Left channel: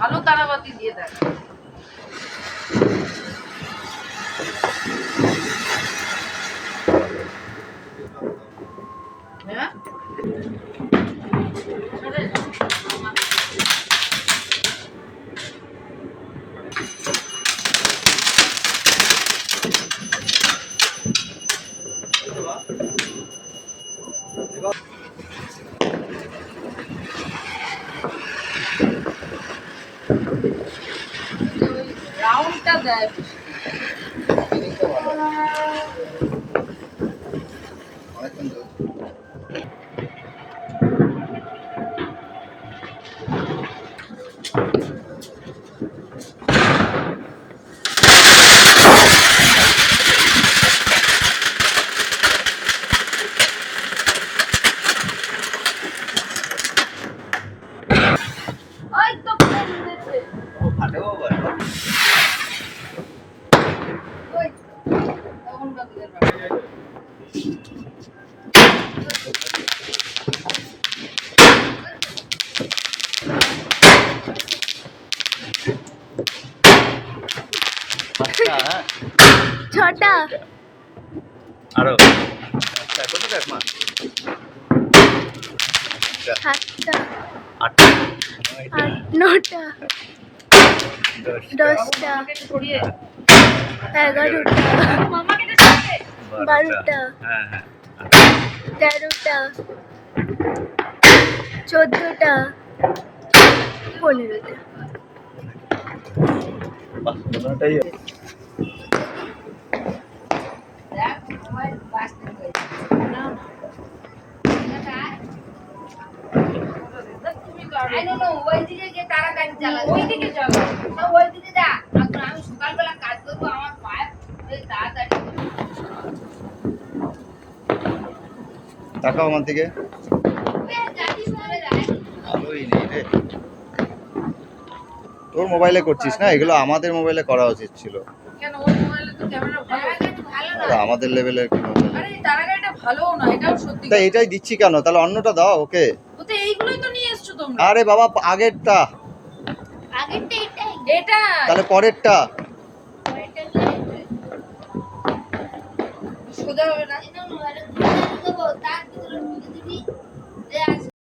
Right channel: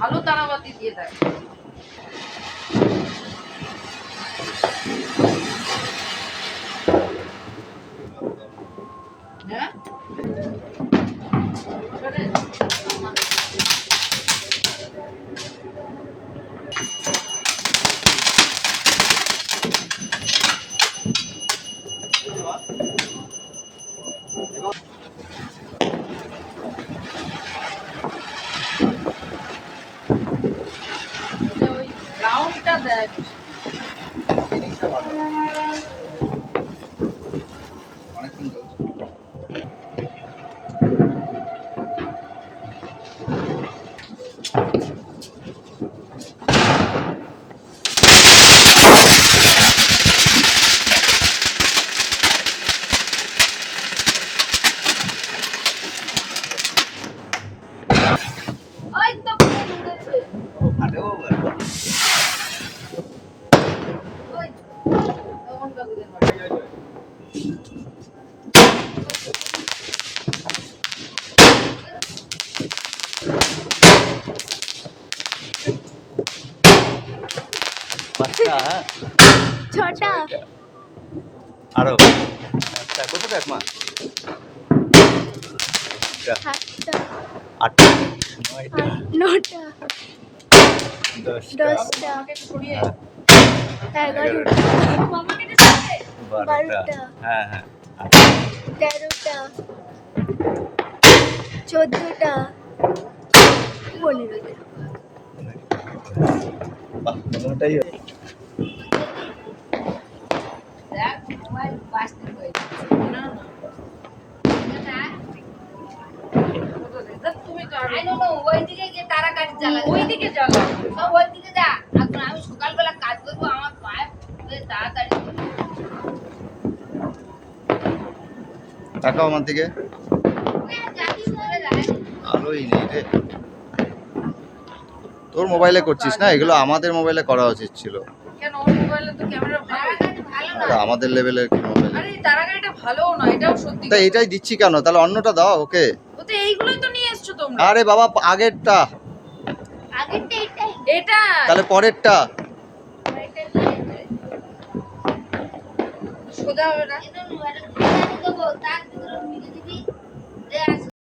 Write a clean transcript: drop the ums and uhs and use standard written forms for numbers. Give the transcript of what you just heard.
ভালো তারাবাতি দিয়ে দেয়। হ্যাঁ ওই রাউন্ডটা দেয়। অনেকক্ষণ চলছে। ওই তো ফোন দিয়েছে। ও ফাটেও আবার। ওই তখন কাকুদের বাড়ি। পাঁচটা, হ্যাঁ? ছটা আরো আচ্ছা, কত কাজ মা? সাতটা আটটা, নয়টা, নটা দশটা, দশটা আমাকে একটু সরিয়ে। এগারোটা মামাকে একটু সরিয়ে। বারোটা হ্যাঁ হ্যাঁ, 13টা 14টা 15টা বাহ, 15টাই দেখ মোবাইল বাজতে হয়েছে। না না তুমি তো আই নো নো ওইদিকে গিয়ে তারা গাড়ি চালা, ওইদিকে চালা, সব ওইদিকে যা। এখন আমি সকালবেলা কাজ করবো, আমার পায়ে তাড়াতাড়ি টাকাও আমার দিকে যাচ্ছিস বলে যায়। আলোই নেই রে। তোর মোবাইলে করছিস না এগুলো, আমাদের মোবাইলে করা উচিত ছিল। কেন ওই মোবাইলে তো ক্যামেরা ভালো, ভালো না। আরে আমাদের লেভেলের কি মোবাইল? আরে এই তারা গাড়িটা ভালোও না, এটাও সত্যি তা কথা। এটাই দিচ্ছি কেন? তাহলে অন্যটা দাও ওকে। ও তো এইগুলোই তো নিয়ে এসছো তোমরা। আরে বাবা, আগেরটা, আগেরটা এটাই, এটা তাহলে পরেরটা। সোজা হবে না। এটা নো, এটা ঘুরে দেবো, তার ভিতরে ভিড়ে দিবি। যে আছে